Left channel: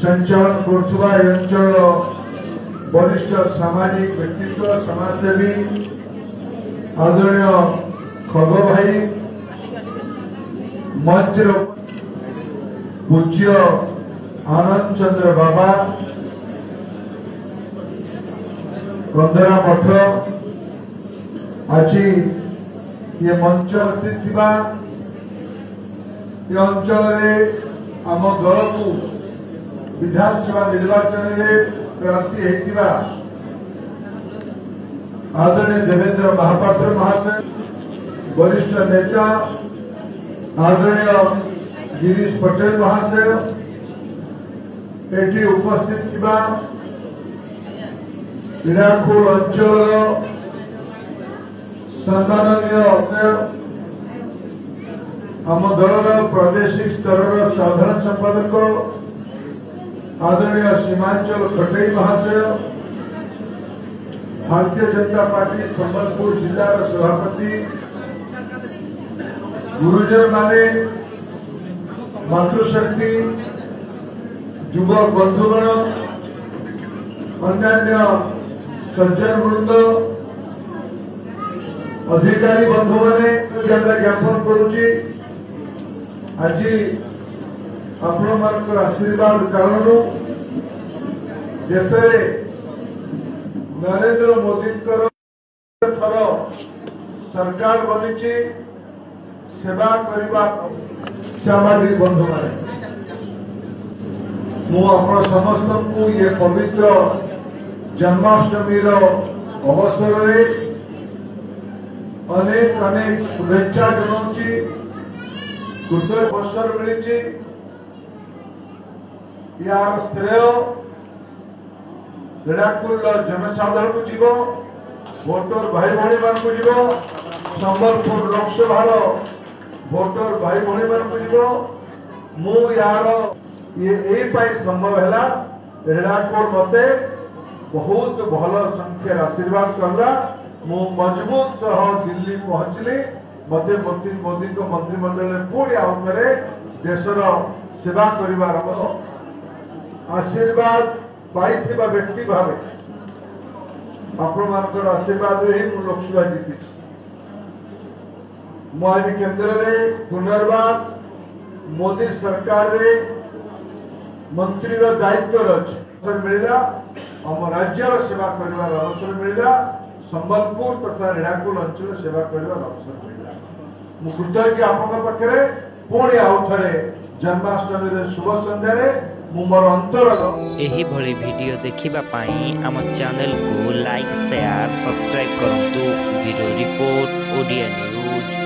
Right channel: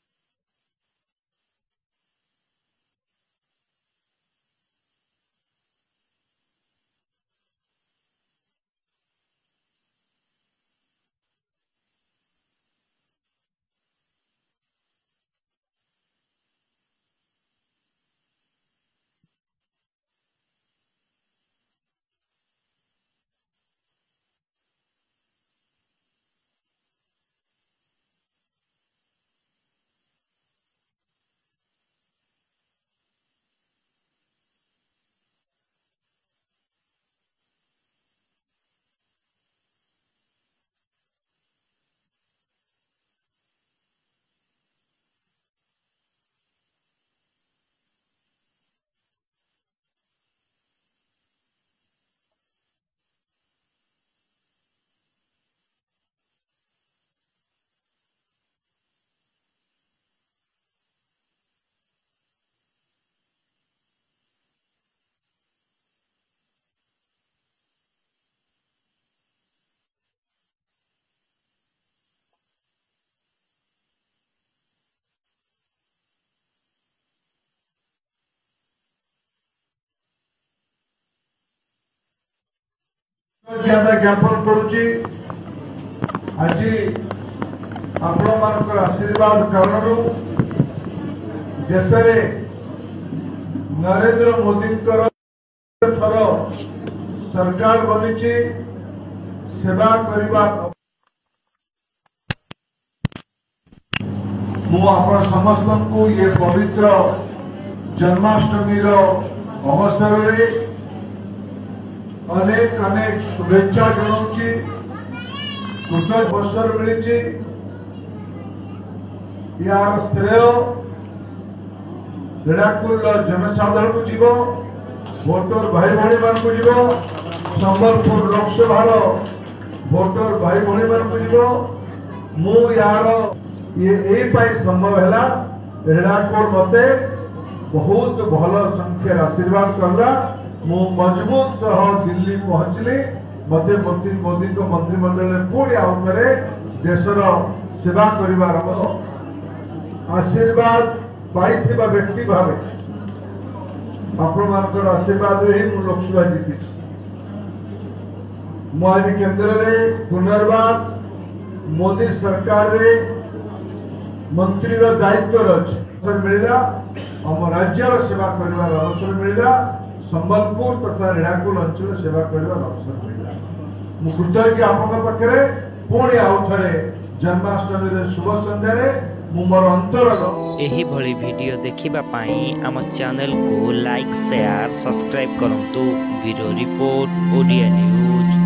संचालन करुवा अंचल वरिष्ठ सामाजिक व्यक्तित्व समाजसेवी आदरणीय खग भाई मंच पूज्य आनंद चंद्र बाबा कंदरा मठ आज ये मंच स्थित ये अंचल आम दल को विधानसभा निर्वाचन में प्रार्थी होता आदरणीय देवेंद्र महापात्र महाशय वरिष्ठ नेता आदरणीय गिरीश पटेल महाशय एटी उपस्थित थिबा हिराखोल अंचल सम्माननीय आम दलर प्रादेशिक स्तर साधारण संपादक आदरणीय सीमांचल खटेई महाशय भारतीय जनता पार्टी संबलपुर जिलार सभापति गुरुजन माने मातृशक्ति युवक बंधुगण अन्य सज्जन वृंद अधिकारी बंधु मैंने ज्ञापन करुच्ची आज आपण मान आशीर्वाद कारण देश नरेंद्र मोदी थर सरकार बनी सेवा करने सामाजिक बंधु मैंने मुझे समस्त को ये पवित्र जन्माष्टमी अवसर में अनेक अनेक शुभेच्छा जनाऊँगी कृतज्ञ अवसर मिली यार श्रेय रेडाकुल जनसाधारण को जीव भोटर भाई भाई मान को जीव संबलपुर लोकसभा भोटर भाई भाई मान को जीव मु यार ये संभव है रेडाकुल मते बहुत भल संख्यार आशीर्वाद करला मु मजबूत सह दिल्ली पहुंचली मत मोदी को मंत्रिमंडल में पुणी आउ थे देशर सेवा कर आशीर्वाद पाई व्यक्ति भाव आपण आशीर्वाद ही लोकसभा जीति मुझे केंद्र में पुनर्वार मोदी सरकार रे मंत्री दायित्व अवसर मिलला आम राज्यर सेवा कर अवसर मिलला संबलपुर तथा रेणाकुल अंचल सेवा कर अवसर मिलला कृतज्ञ आपन पाखे पुणी आउ थे जन्माष्टमी शुभ संध्यारे मोर अंतर एही भली वीडियो देखिबा पाई आम चैनल को लाइक शेयर सब्सक्राइब करंतु ब्यूरो रिपोर्ट ओडिया न्यूज।